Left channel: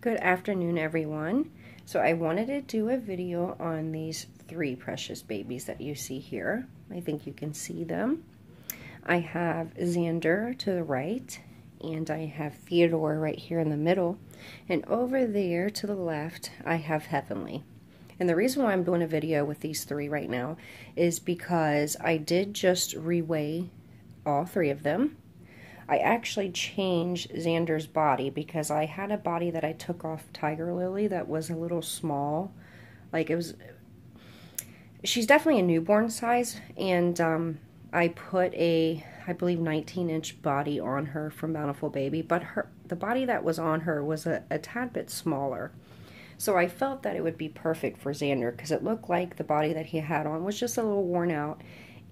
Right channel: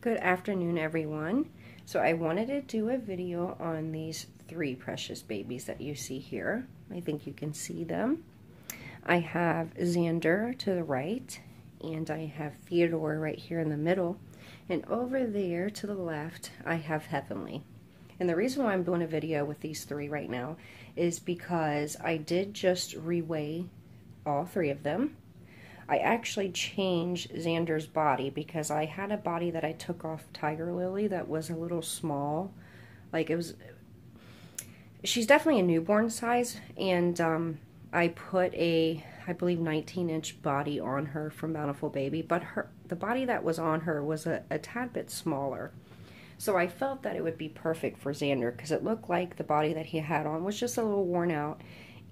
Good afternoon, everyone. So I wanted to do a video on these three precious babies that you see here. I think you can see them. I have Xander to the right, and I have Theodore right here in the middle, and over there to the left I have Heavenly. And the reason why I'm doing a video with these three right now is because I did just reweigh all three of them. I actually changed Xander's body because I had a body that I took off Tiger Lily that was a little small. Like, it was, she's definitely a newborn size, and I put a, I believe, 19-inch body on her from Bountiful Baby, but the body that was on her was a tad bit smaller. So I felt that it would be perfect for Xander because it looked like the body that he had on was just a little worn out.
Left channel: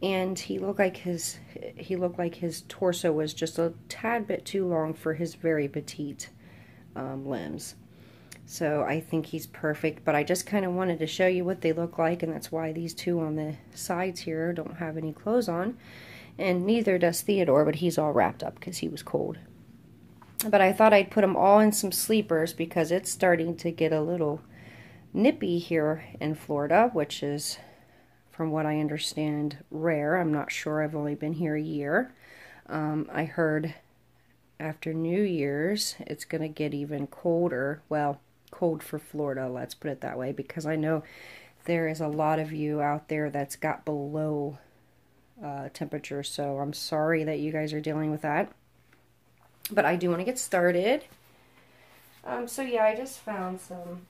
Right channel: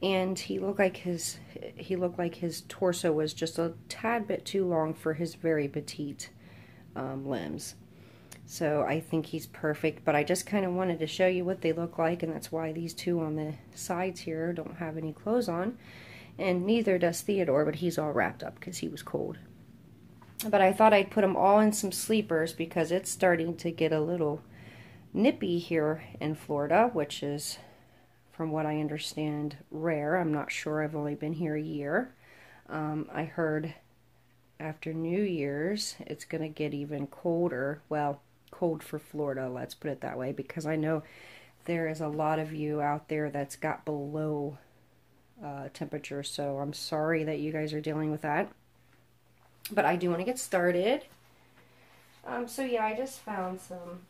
And he looked like his torso was just a tad bit too long for his very petite limbs. So I think he's perfect, but I just kind of wanted to show you what they look like, and that's why these two on the sides here don't have any clothes on, and neither does Theodore, but he's all wrapped up because he was cold. But I thought I'd put them all in some sleepers because it's starting to get a little nippy here in Florida, which is, from what I understand, rare. I'm not sure. I've only been here a year. I heard after New Year's it's going to get even colder. Well, cold for Florida, let's put it that way, because I know there is a lot of you out there that's got below temperature, so I'm sorry that you guys are dealing with that. But I do want to get started. So yeah, I just found some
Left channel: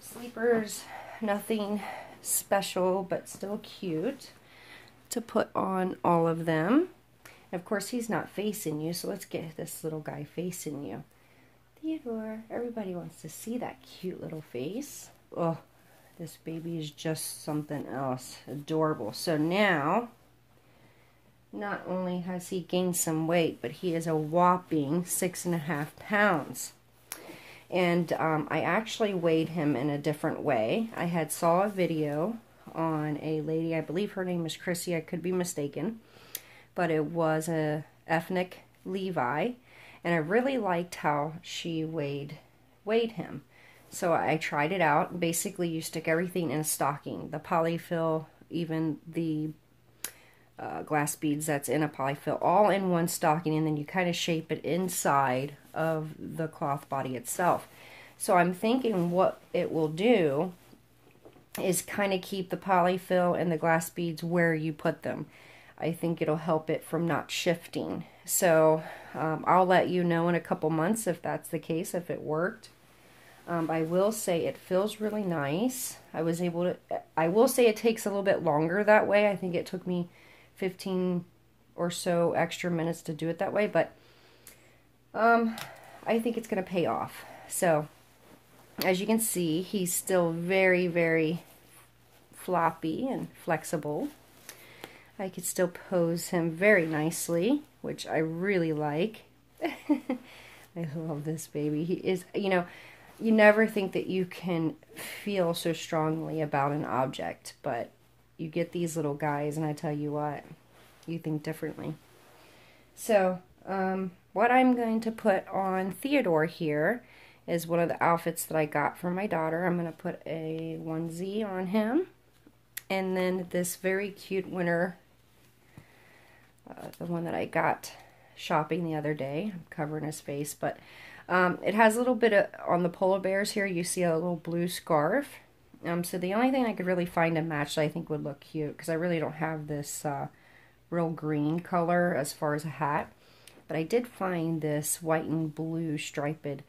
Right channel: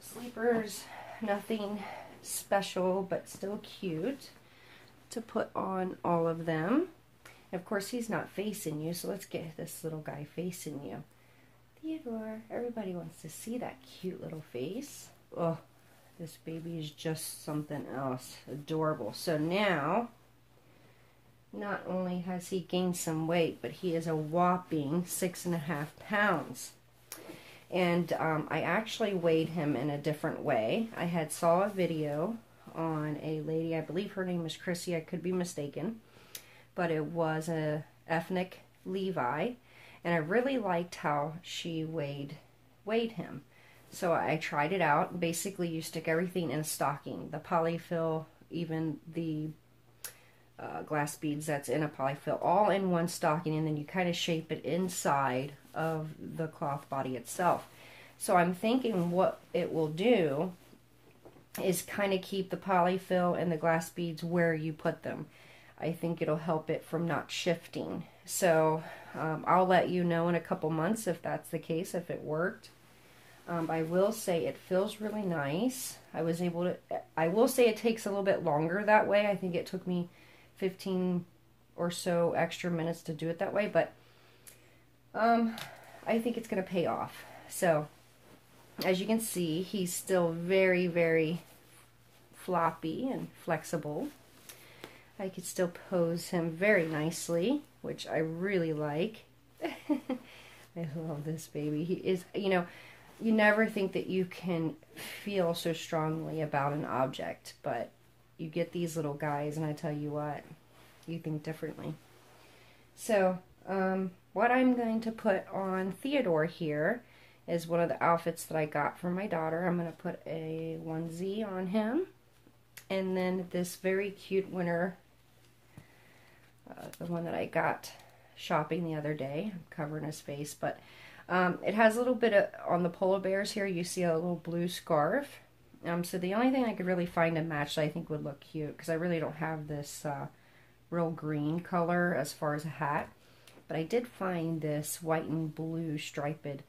sleepers, nothing special but still cute to put on all of them. Of course, he's not facing you, so let's get this little guy facing you. Theodore, everybody wants to see that cute little face. Oh, this baby is just something else. Adorable. So now, not only has he gained some weight, but he is a whopping 6.5 pounds. And I actually weighed him in a different way. I had saw a video on a lady, I believe her name is Chrissy, I could be mistaken, but it was a ethnic Levi, and I really liked how she weighed him. So I tried it out. Basically, you stick everything in a stocking, the polyfill, even the glass beads that's in a polyfill, all in one stocking, and then you kind of shape it inside of the cloth body itself. So I'm thinking what it will do is kind of keep the polyfill and the glass beads where you put them. I think it'll help it from not shifting. So I'll let you know in a couple months if that's the case, if it worked. I will say it feels really nice. I will say it takes a little bit longer that way. I think it took me 15 or so extra minutes to do it that way, but I think it's going to pay off. So, as you can see, he's still very, very floppy and flexible. I could still pose him very nicely, which I really like. I love this baby. He is, you know, you never think that you can feel so strongly about an object, but you get these little guys, and I tell you what, you think differently. So, what I'm going to put on Theodore here is one of the outfits that I got from my daughter. I'm going to put a onesie on him, and then this very cute winter, the one that I got shopping the other day. I'm covering his face, but it has a little bit of, on the polar bears here, you see a little blue scarf. So the only thing I could really find to match that I think would look cute, because I really don't have this real green color as far as a hat, but I did find this white and blue striped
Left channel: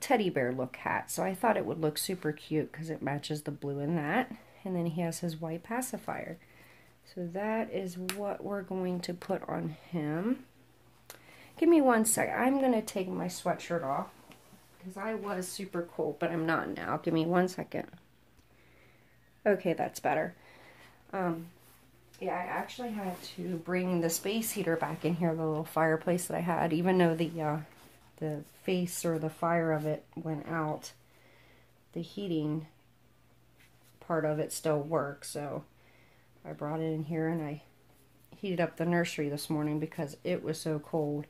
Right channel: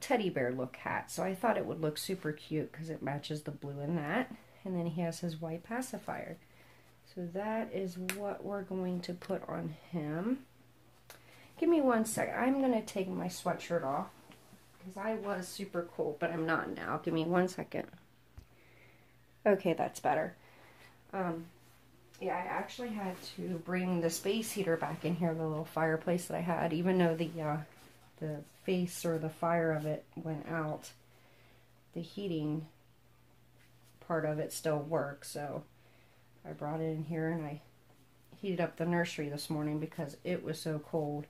teddy bear look hat, so I thought it would look super cute because it matches the blue in that. And then he has his white pacifier. So that is what we're going to put on him. Give me one sec. I'm going to take my sweatshirt off because I was super cold, but I'm not now. Give me 1 second. Okay, that's better. Yeah, I actually had to bring the space heater back in here, the little fireplace that I had, even though the face or the fire of it went out. The heating part of it still works, so I brought it in here, and I heated up the nursery this morning because it was so cold.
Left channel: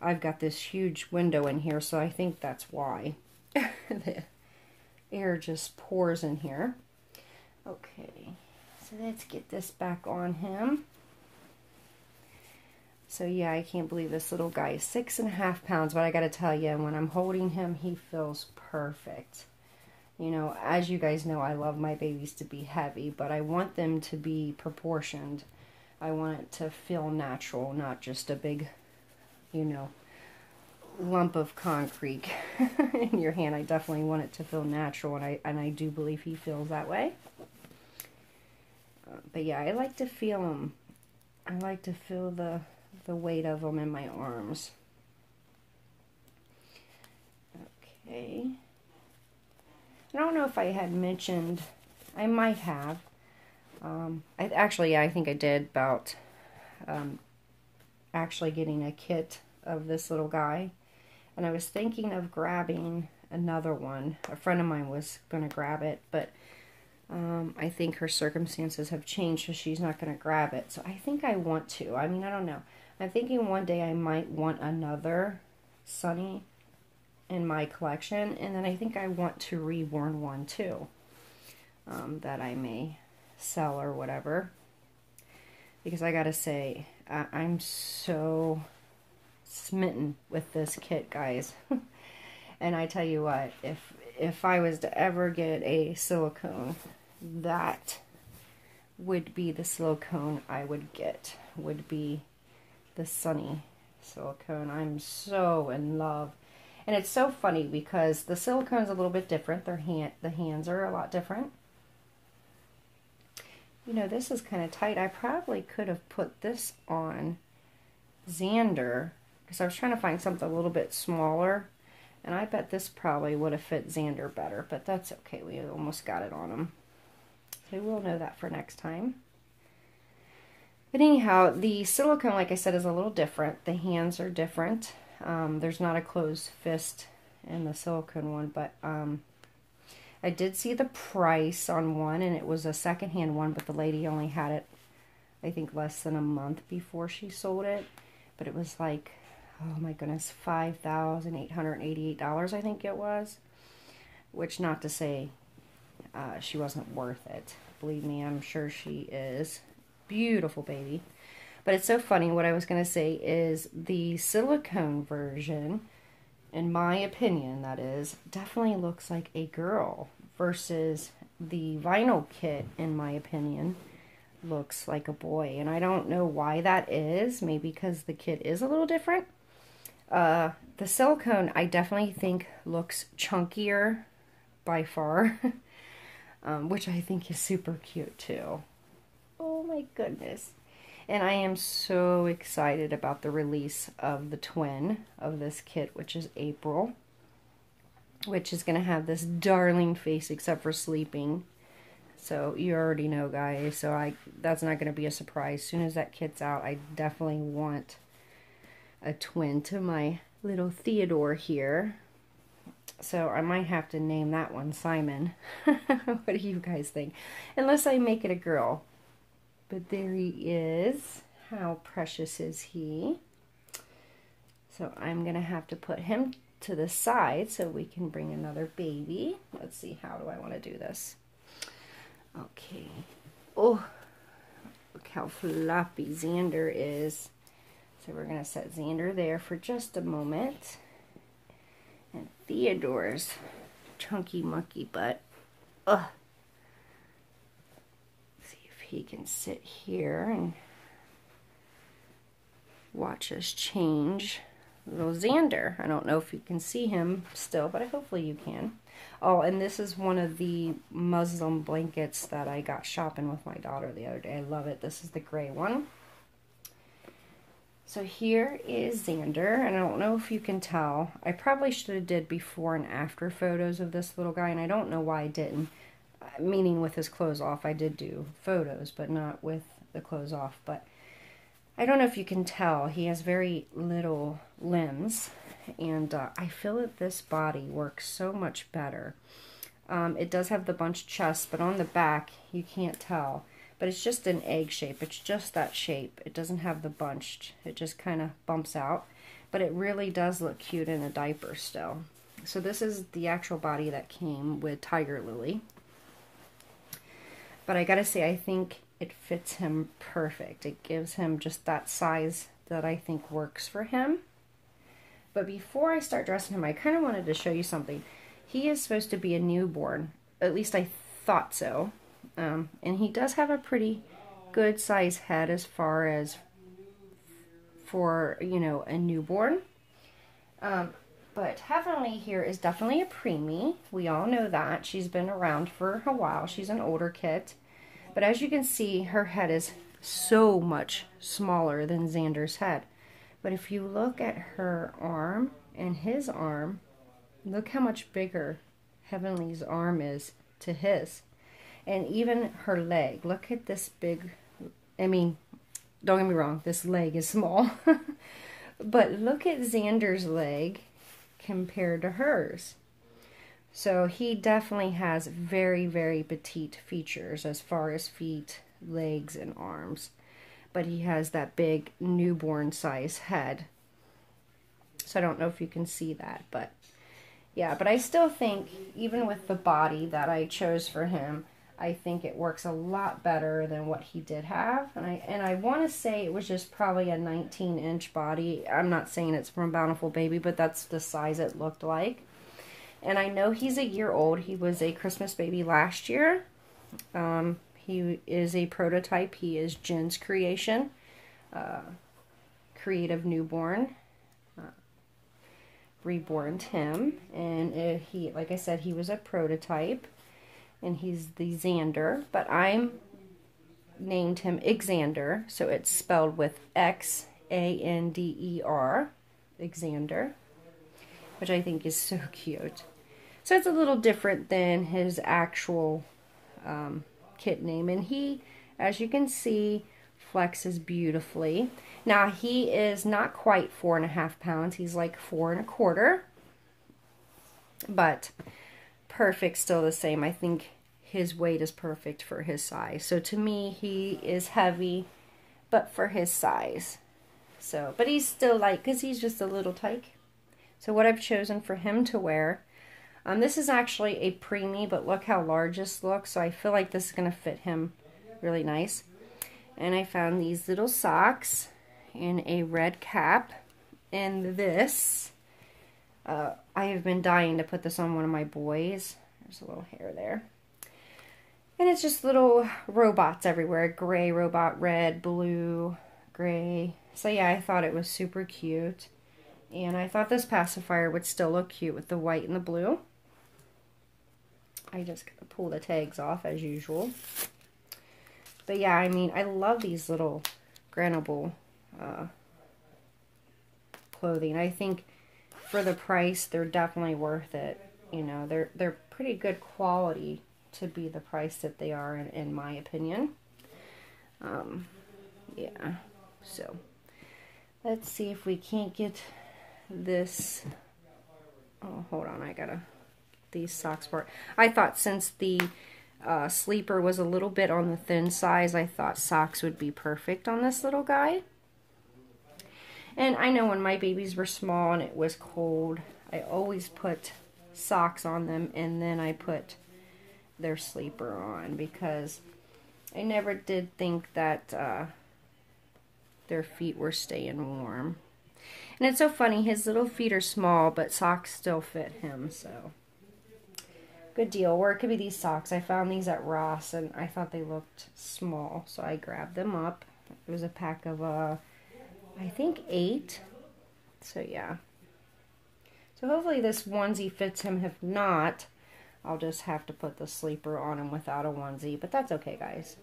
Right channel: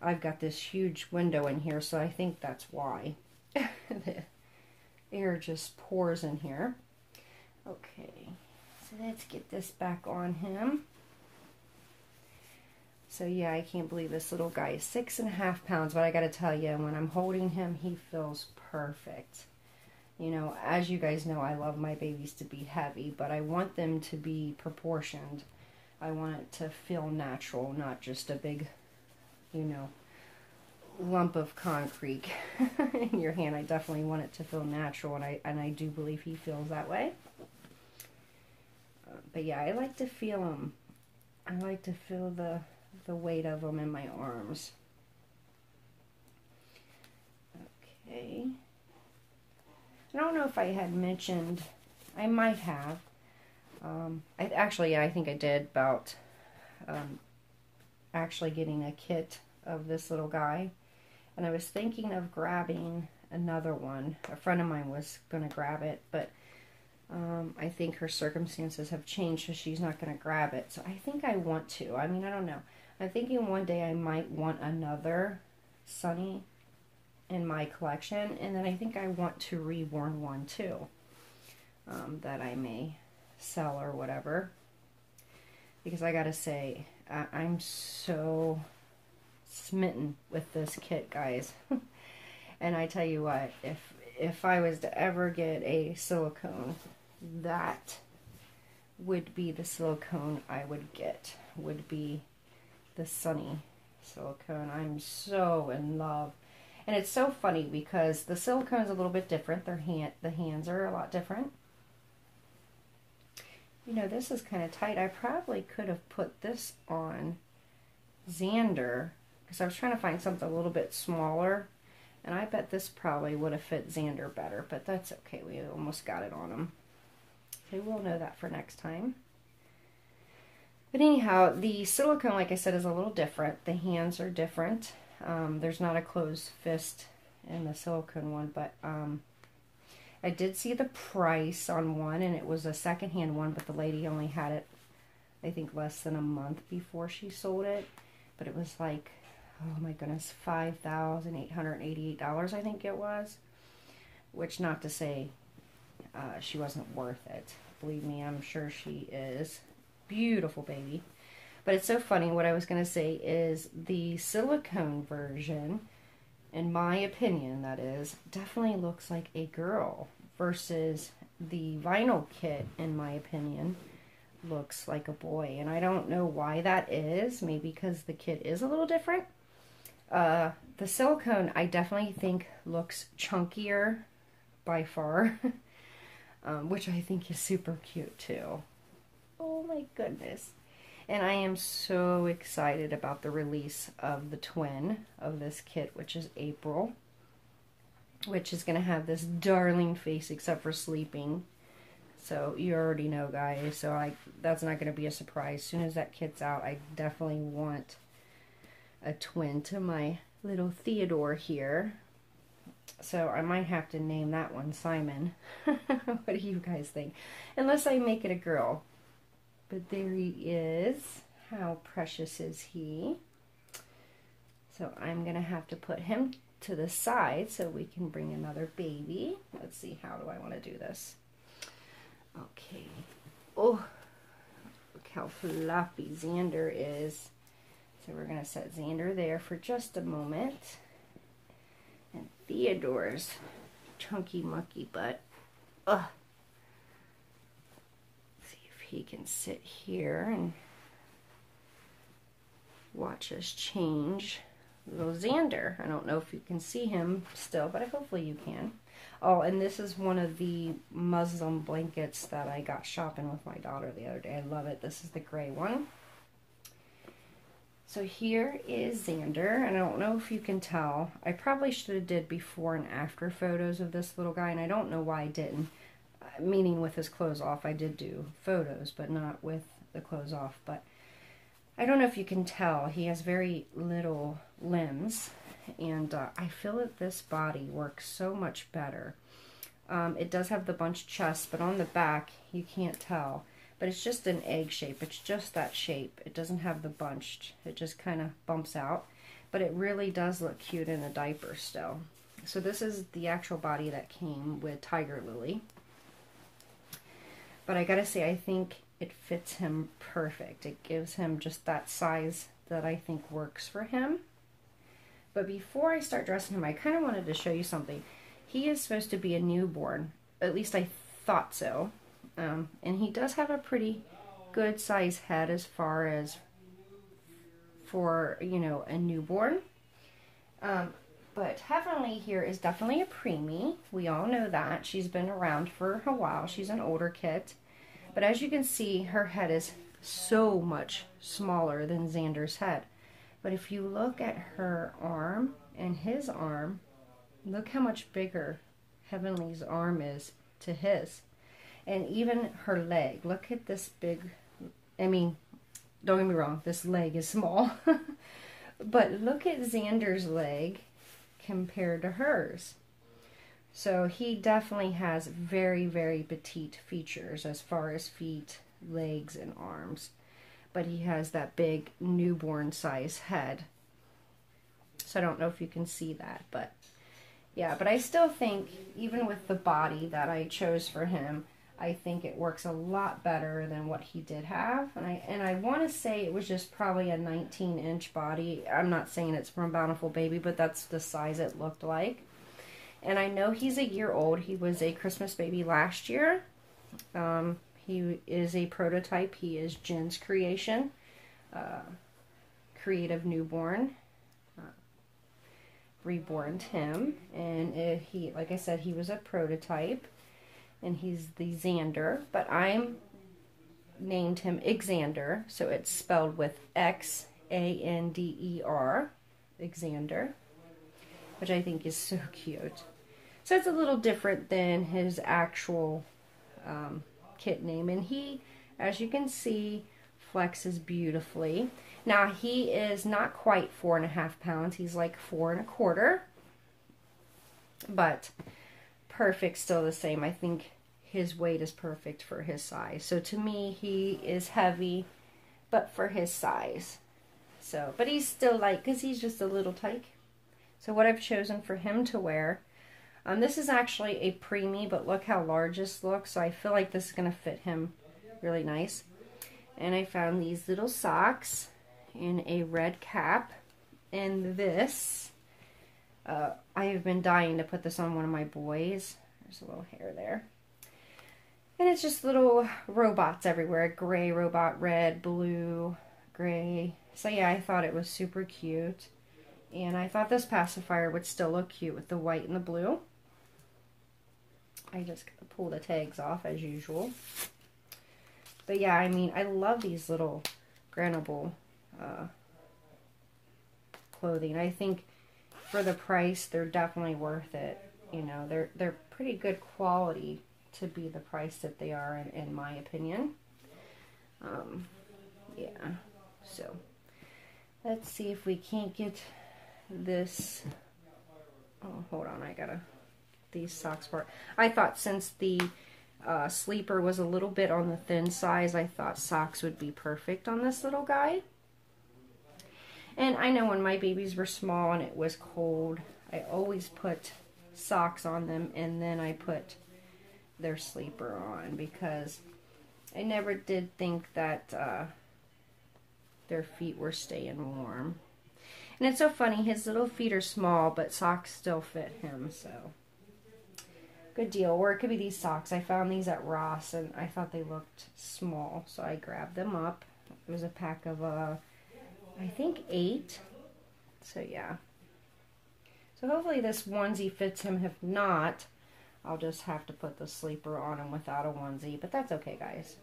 I've got this huge window in here, so I think that's why. The air just pours in here. Okay, so let's get this back on him. So yeah, I can't believe this little guy is 6.5 pounds, but I gotta tell you, when I'm holding him, he feels perfect. You know, as you guys know, I love my babies to be heavy, but I want them to be proportioned. I want it to feel natural, not just a big, you know, lump of concrete in your hand. I definitely want it to feel natural, and I do believe he feels that way. But yeah, I like to feel them. I like to feel the weight of them in my arms. Okay. I don't know if I had mentioned, I might have. I think I did, about actually getting a kit of this little guy. And I was thinking of grabbing another one. A friend of mine was going to grab it, but I think her circumstances have changed, so she's not going to grab it. So I think I want to. I mean, I don't know. I'm thinking one day I might want another Sunny in my collection, and then I think I want to reborn one too, that I may sell or whatever. Because I gotta say, I'm so smitten with this kit, guys. And I tell you what, if I was to ever get a silicone, that would be the silicone I would get, would be the Sunny silicone. I'm so in love. And it's so funny because the silicone is a little bit different. The hands are a lot different. You know, this is kind of tight. I probably could have put this on Xander, because I was trying to find something a little bit smaller, and I bet this probably would have fit Xander better, but that's okay. We almost got it on him. So we'll know that for next time. But anyhow, the silicone, like I said, is a little different. The hands are different. There's not a closed fist in the silicone one, but I did see the price on one, and it was a secondhand one, but the lady only had it, I think, less than a month before she sold it. But it was like, oh my goodness, $5,888, I think it was. Which, not to say she wasn't worth it. Believe me, I'm sure she is. Beautiful baby. But it's so funny. What I was going to say is the silicone version, in my opinion, that is, definitely looks like a girl, versus the vinyl kit, in my opinion, looks like a boy. And I don't know why that is. Maybe because the kit is a little different. The silicone, I definitely think, looks chunkier by far, which I think is super cute too. Oh my goodness. And I am so excited about the release of the twin of this kit, which is April, which is going to have this darling face except for sleeping. So you already know, guys. So that's not going to be a surprise. As soon as that kit's out, I definitely want a twin to my little Theodore here. So I might have to name that one Simon. What do you guys think? Unless I make it a girl. But there he is. How precious is he? So I'm going to have to put him to the side so we can bring another baby. Let's see, how do I want to do this? Okay. Oh, look how floppy Xander is. So we're going to set Xander there for just a moment. And Theodore's chunky monkey butt. Ugh. He can sit here and watch us change little Xander. I don't know if you can see him still, but hopefully you can. Oh, and this is one of the Muslim blankets that I got shopping with my daughter the other day. I love it. This is the gray one. So here is Xander, and I don't know if you can tell. I probably should have did before and after photos of this little guy, and I don't know why I didn't. Meaning with his clothes off. I did do photos, but not with the clothes off. But I don't know if you can tell, he has very little limbs, and I feel that this body works so much better. It does have the bunched chest, but on the back you can't tell. But it's just an egg shape. It's just that shape. It doesn't have the bunched. It just kind of bumps out. But it really does look cute in a diaper still. So this is the actual body that came with Tiger Lily. But I gotta say, I think it fits him perfect. It gives him just that size that I think works for him. But before I start dressing him, I kind of wanted to show you something. He is supposed to be a newborn. At least I thought so. And he does have a pretty good size head as far as for, you know, a newborn. But Heavenly here is definitely a preemie. We all know that. She's been around for a while. She's an older kit. But as you can see, her head is so much smaller than Xander's head. But if you look at her arm and his arm, look how much bigger Heavenly's arm is to his. And even her leg. Look at this big, I mean, don't get me wrong, this leg is small. But look at Xander's leg compared to hers. So he definitely has very, very petite features as far as feet, legs, and arms. But he has that big newborn size head. So I don't know if you can see that, but yeah, but I still think even with the body that I chose for him, I think it works a lot better than what he did have. And I want to say it was just probably a 19-inch body. I'm not saying it's from Bountiful Baby, but that's the size it looked like. And I know he's a year old. He was a Christmas baby last year. He is a prototype. He is Jen's creation. Creative Newborn. Reborn him. And he, like I said, he was a prototype. And he's the Xander, but I named him Xander, so it's spelled with X-A-N-D-E-R, Xander, which I think is so cute. So it's a little different than his actual kit name, and he, as you can see, flexes beautifully. Now he is not quite 4.5 pounds; he's like 4 1/4, but perfect still the same. I think his weight is perfect for his size. So to me, he is heavy, but for his size. So, but he's still light because he's just a little tyke. So what I've chosen for him to wear, this is actually a preemie, but look how large this looks. So I feel like this is going to fit him really nice. And I found these little socks and a red cap. And this, I have been dying to put this on one of my boys. There's a little hair there. And it's just little robots everywhere. Gray robot, red, blue, gray. So yeah, I thought it was super cute. And I thought this pacifier would still look cute with the white and the blue. I just gotta pull the tags off as usual. But yeah, I mean, I love these little grannable clothing. I think for the price, they're definitely worth it. You know, they're pretty good quality to be the price that they are, in my opinion. Yeah, so let's see if we can't get this. Oh, hold on, I gotta these socks for. I thought since the sleeper was a little bit on the thin size, I thought socks would be perfect on this little guy. And I know when my babies were small and it was cold, I always put socks on them and then I put their sleeper on because I never did think that their feet were staying warm. And it's so funny, his little feet are small, but socks still fit him, so good deal. Or it could be these socks. I found these at Ross and I thought they looked small, so I grabbed them up. It was a pack of I think 8. So yeah. So hopefully this onesie fits him. If not, I'll just have to put the sleeper on him without a onesie, but that's okay, guys.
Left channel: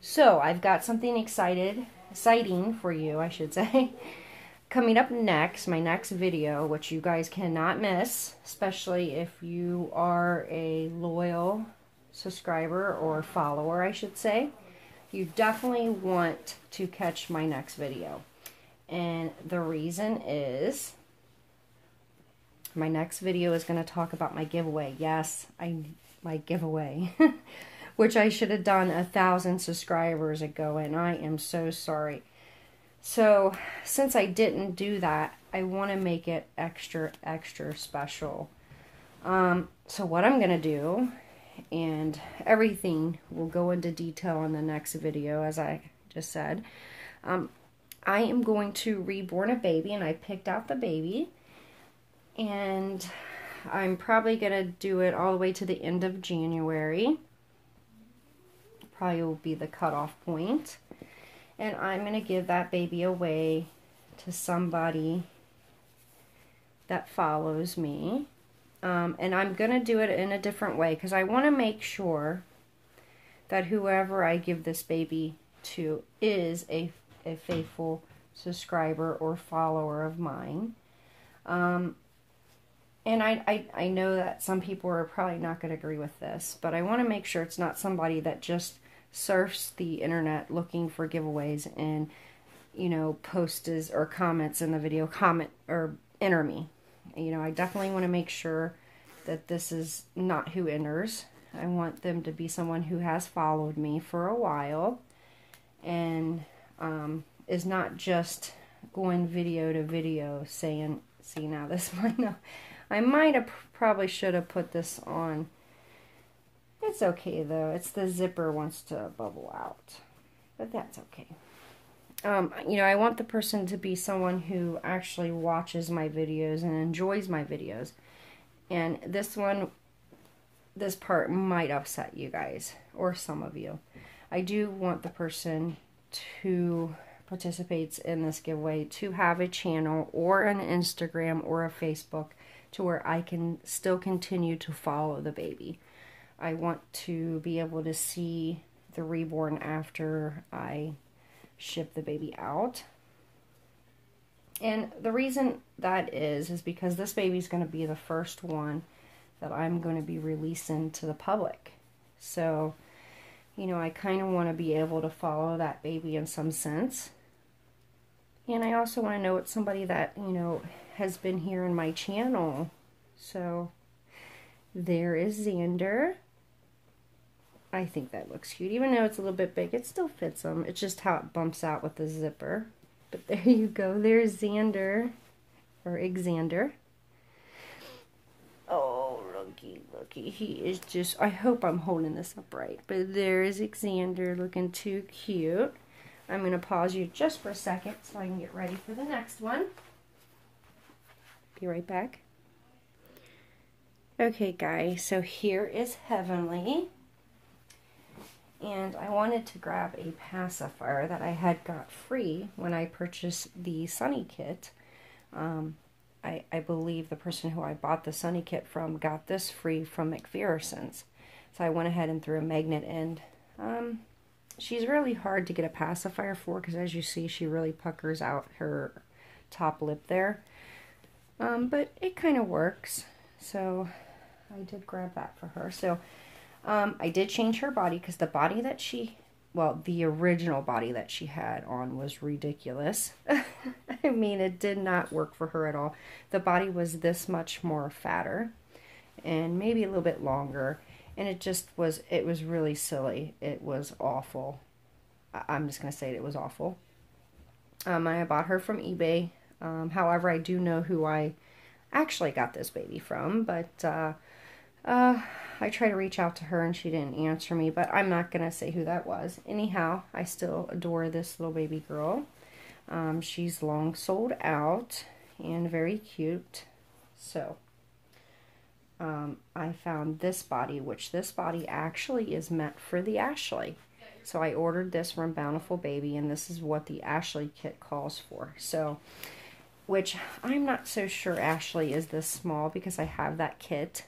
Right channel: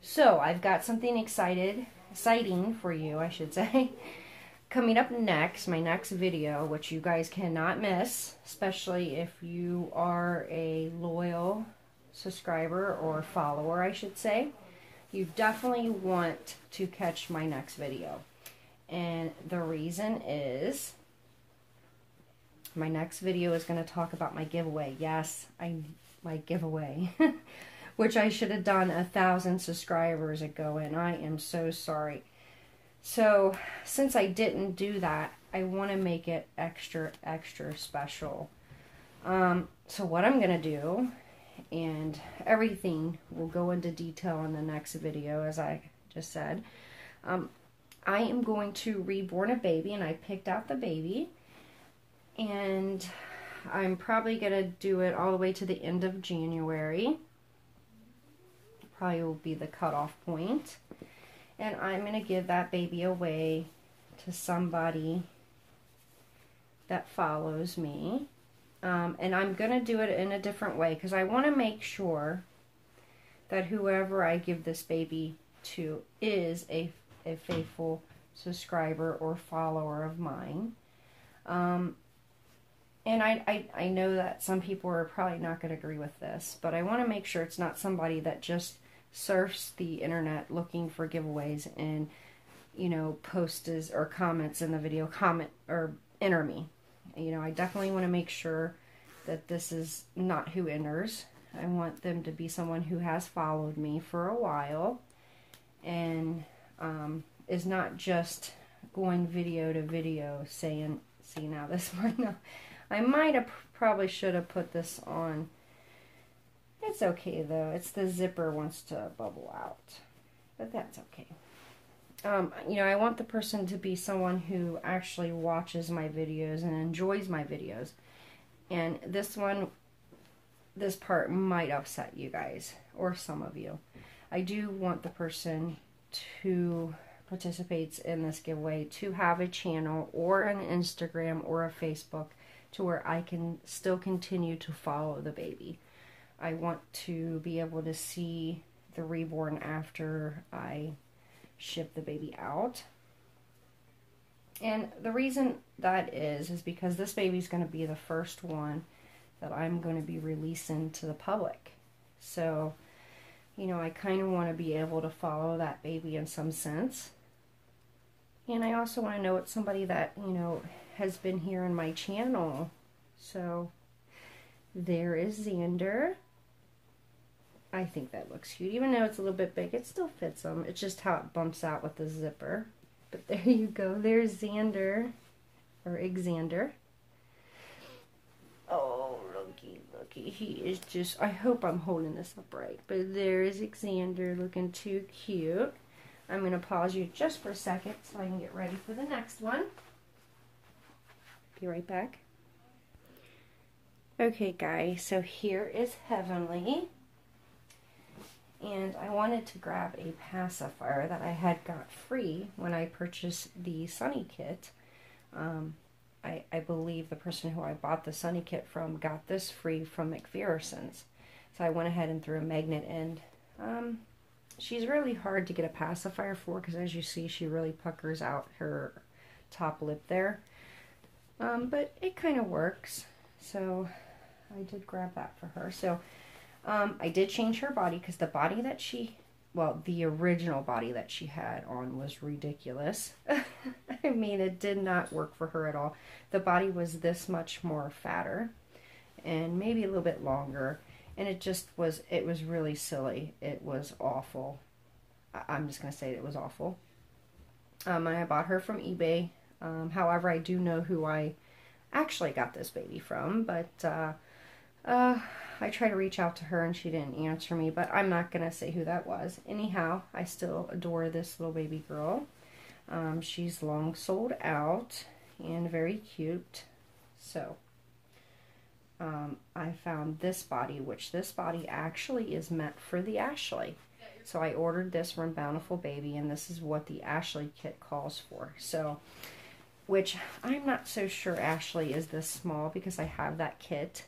So I've got something exciting for you, I should say. Coming up next, my next video, which you guys cannot miss, especially if you are a loyal subscriber or follower, I should say. You definitely want to catch my next video. And the reason is my next video is going to talk about my giveaway. Yes, my giveaway, which I should have done 1,000 subscribers ago, and I am so sorry. So, since I didn't do that, I want to make it extra, extra special. So what I'm going to do, and everything will go into detail in the next video, as I just said, I am going to reborn a baby, and I picked out the baby, and I'm probably going to do it all the way to the end of January. Probably will be the cutoff point. And I'm going to give that baby away to somebody that follows me. And I'm going to do it in a different way because I want to make sure that whoever I give this baby to is a faithful subscriber or follower of mine. And I know that some people are probably not going to agree with this, but I want to make sure it's not somebody that just surfs the internet looking for giveaways and, you know, posts or comments in the video, comment or enter me. You know, I definitely want to make sure that this is not who enters. I want them to be someone who has followed me for a while and is not just going video to video saying, see now this one. No, I might have probably should have put this on. It's okay though. It's the zipper wants to bubble out, but that's okay. You know, I want the person to be someone who actually watches my videos and enjoys my videos. And this part might upset you guys, or some of you. I do want the person who participates in this giveaway to have a channel or an Instagram or a Facebook to where I can still continue to follow the baby. I want to be able to see the reborn after I ship the baby out. And the reason that is because this baby's going to be the first one that I'm going to be releasing to the public. So, you know, I kind of want to be able to follow that baby in some sense. And I also want to know it's somebody that, you know, has been here in my channel. So, there is Xander. I think that looks cute. Even though it's a little bit big, it still fits him. It's just how it bumps out with the zipper. But there you go. There's Xander. Or Xander. Oh, looky, looky. He is just... I hope I'm holding this up right. But there's Xander looking too cute. I'm going to pause you just for a second so I can get ready for the next one. Be right back. Okay, guys. So here is Heavenly. And I wanted to grab a pacifier that I had got free when I purchased the Sunny Kit. I believe the person who I bought the Sunny Kit from got this free from McPherson's. So I went ahead and threw a magnet in. She's really hard to get a pacifier for because as you see she really puckers out her top lip there. But it kind of works. So I did grab that for her. So I did change her body because the body that she, well, the original body that she had on was ridiculous. I mean, it did not work for her at all. The body was this much more fatter and maybe a little bit longer. And it just was, it was really silly. It was awful. I'm just going to say it was awful. I bought her from eBay. However, I do know who I actually got this baby from, but I tried to reach out to her and she didn't answer me, but I'm not going to say who that was. Anyhow, I still adore this little baby girl. She's long sold out and very cute. So, I found this body, which this body actually is meant for the Ashley. So I ordered this from Bountiful Baby, and this is what the Ashley kit calls for. So, which I'm not so sure Ashley is this small because I have that kit.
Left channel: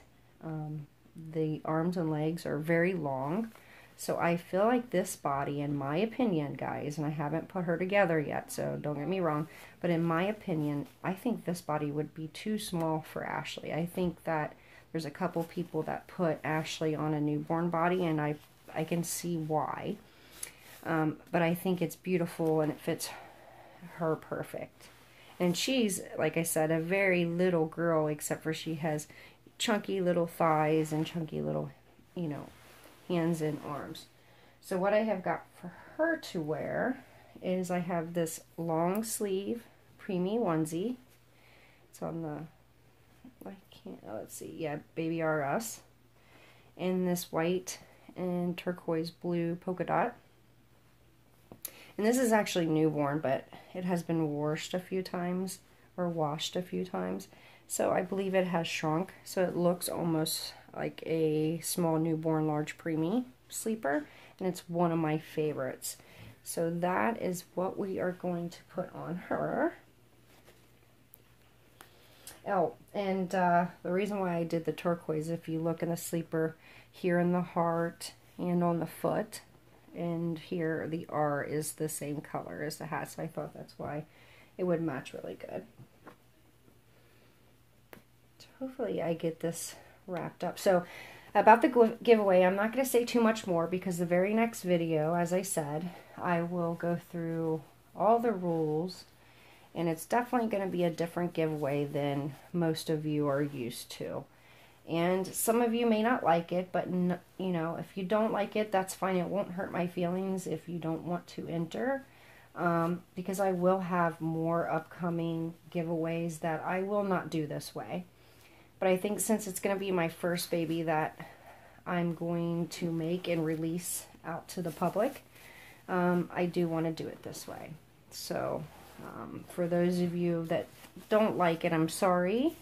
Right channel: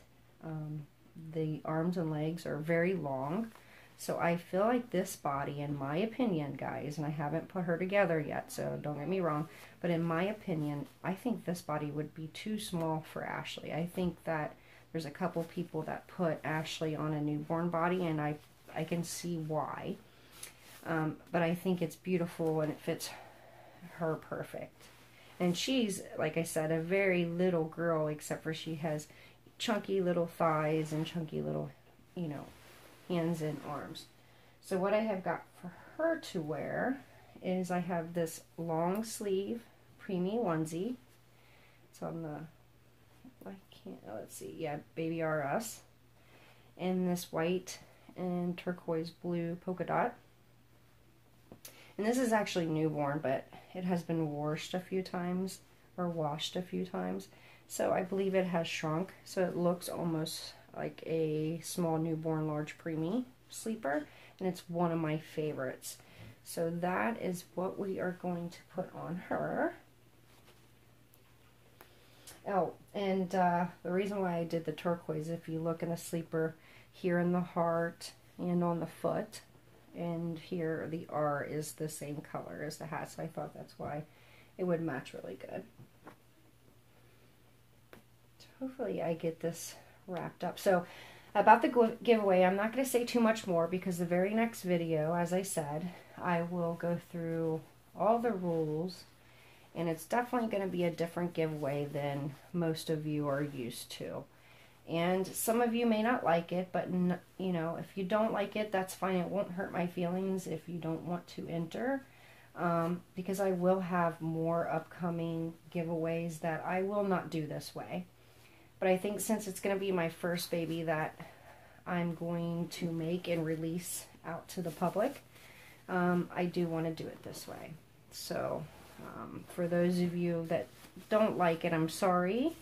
The arms and legs are very long. So I feel like this body, in my opinion, guys, and I haven't put her together yet, so don't get me wrong, but in my opinion, I think this body would be too small for Ashley. I think that there's a couple people that put Ashley on a newborn body, and I can see why. But I think it's beautiful, and it fits her perfect. And she's, like I said, a very little girl, except for she has chunky little thighs and chunky little, you know, hands and arms. So what I have got for her to wear is I have this long sleeve preemie onesie. It's on the, I let's see, yeah, Baby RS. In this white and turquoise blue polka dot. And this is actually newborn, but it has been washed a few times, so I believe it has shrunk, so it looks almost like a small newborn large preemie sleeper, and it's one of my favorites. So that is what we are going to put on her. Oh, and the reason why I did the turquoise, if you look in the sleeper here in the heart and on the foot, and here the R is the same color as the hat, so I thought that's why it would match really good. So hopefully I get this wrapped up. So about the giveaway, I'm not going to say too much more because the very next video, as I said, I will go through all the rules, and it's definitely going to be a different giveaway than most of you are used to. And some of you may not like it, but you know, if you don't like it, that's fine. It won't hurt my feelings if you don't want to enter, because I will have more upcoming giveaways that I will not do this way. But I think since it's going to be my first baby that I'm going to make and release out to the public, I do want to do it this way. So for those of you that don't like it, I'm sorry.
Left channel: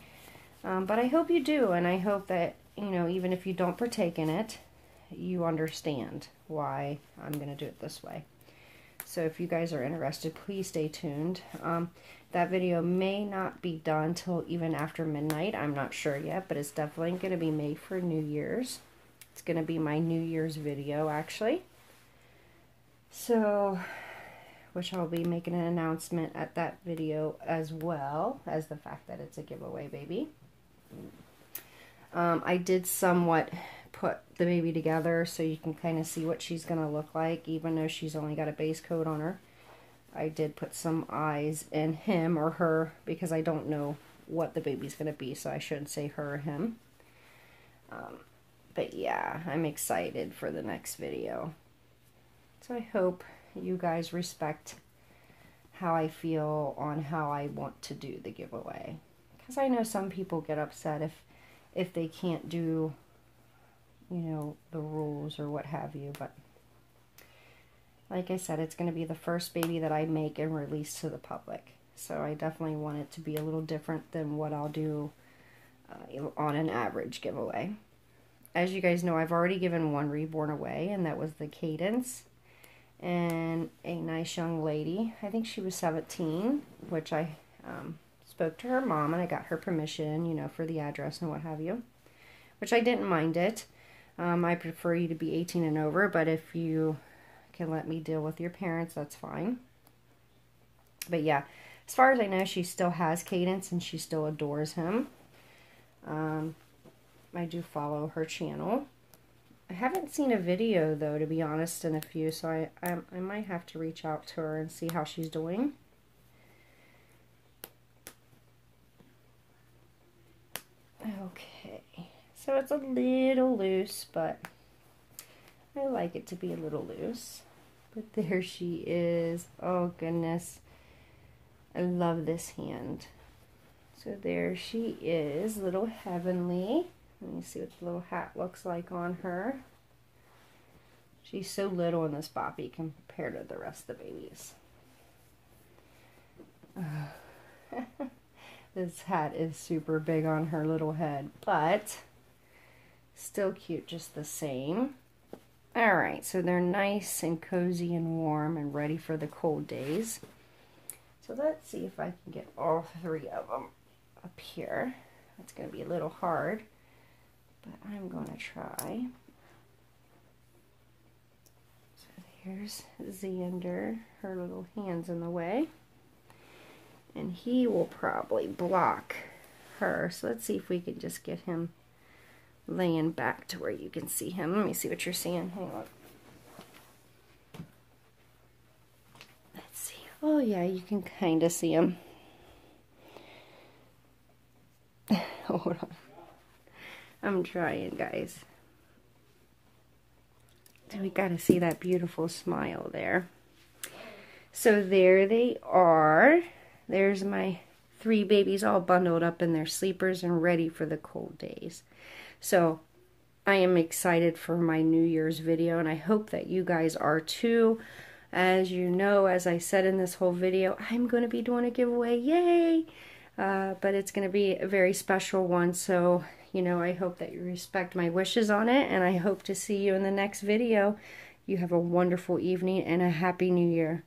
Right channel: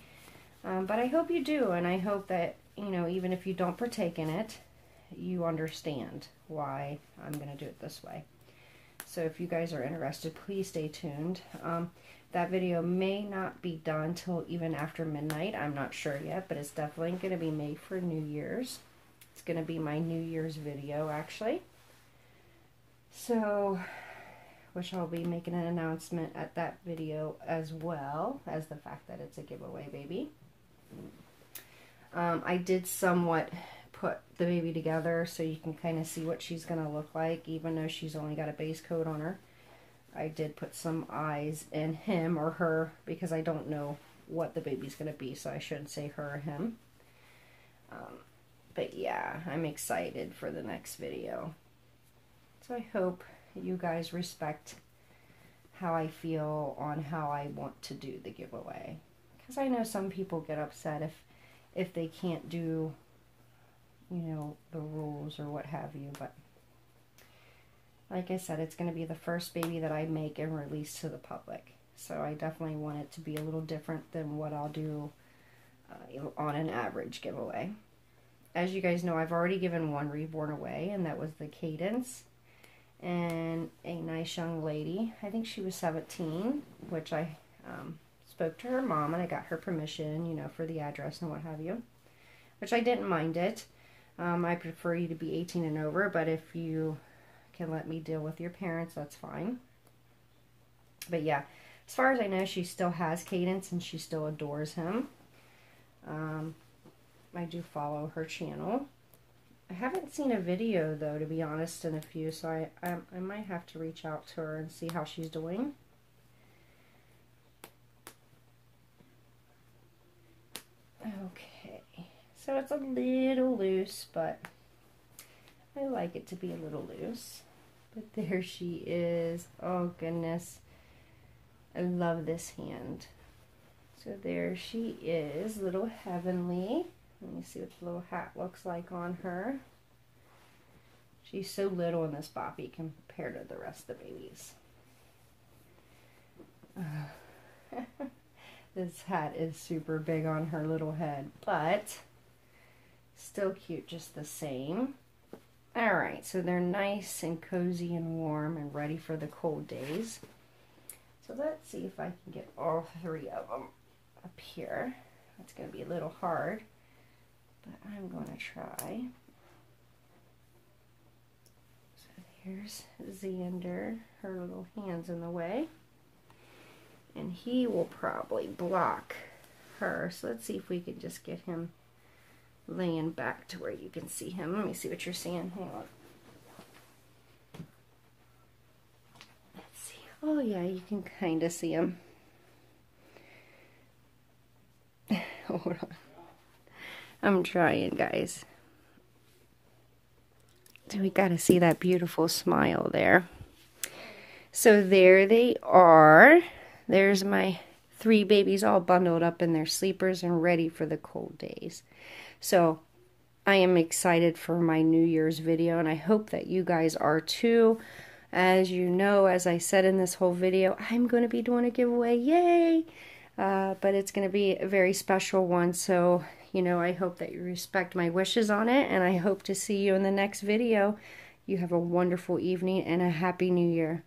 But I hope you do, and I hope that, you know, even if you don't partake in it, you understand why I'm going to do it this way. So if you guys are interested, please stay tuned. That video may not be done till even after midnight. I'm not sure yet, but it's definitely going to be made for New Year's. It's going to be my New Year's video, actually. So, which I'll be making an announcement at that video as well as the fact that it's a giveaway baby. I did somewhat put the baby together so you can kind of see what she's going to look like, even though she's only got a base coat on her. I did put some eyes in him or her because I don't know what the baby's going to be, so I shouldn't say her or him. But yeah, I'm excited for the next video. So I hope you guys respect how I feel on how I want to do the giveaway. Because I know some people get upset if they can't do, you know, the rules or what have you. But like I said, it's going to be the first baby that I make and release to the public. So I definitely want it to be a little different than what I'll do on an average giveaway. As you guys know, I've already given one reborn away, and that was the Cadence. And a nice young lady, I think she was 17, which I spoke to her mom and I got her permission, you know, for the address and what have you, which I didn't mind it. I prefer you to be 18 and over, but if you can let me deal with your parents, that's fine. But yeah, as far as I know, she still has Cadence and she still adores him. I do follow her channel. I haven't seen a video, though, to be honest, in a few, so I might have to reach out to her and see how she's doing. Okay, so it's a little loose, but I like it to be a little loose. But there she is. Oh, goodness. I love this hand. So there she is, little Heavenly. Let me see what the little hat looks like on her. She's so little in this boppy compared to the rest of the babies. This hat is super big on her little head, but still cute just the same. Alright, so they're nice and cozy and warm and ready for the cold days. So let's see if I can get all three of them up here. That's going to be a little hard, but I'm going to try. So here's Xander, her little hand's in the way. And he will probably block her. So let's see if we can just get him laying back to where you can see him. Let me see what you're seeing. Hang on. Let's see. Oh yeah, you can kind of see him. Hold on. I'm trying, guys. So we got to see that beautiful smile there. So there they are. There's my 3 babies all bundled up in their sleepers and ready for the cold days. So I am excited for my New Year's video, and I hope that you guys are too. As you know, as I said in this whole video, I'm going to be doing a giveaway. Yay! But it's going to be a very special one, so, you know, I hope that you respect my wishes on it, and I hope to see you in the next video. You have a wonderful evening and a Happy New Year.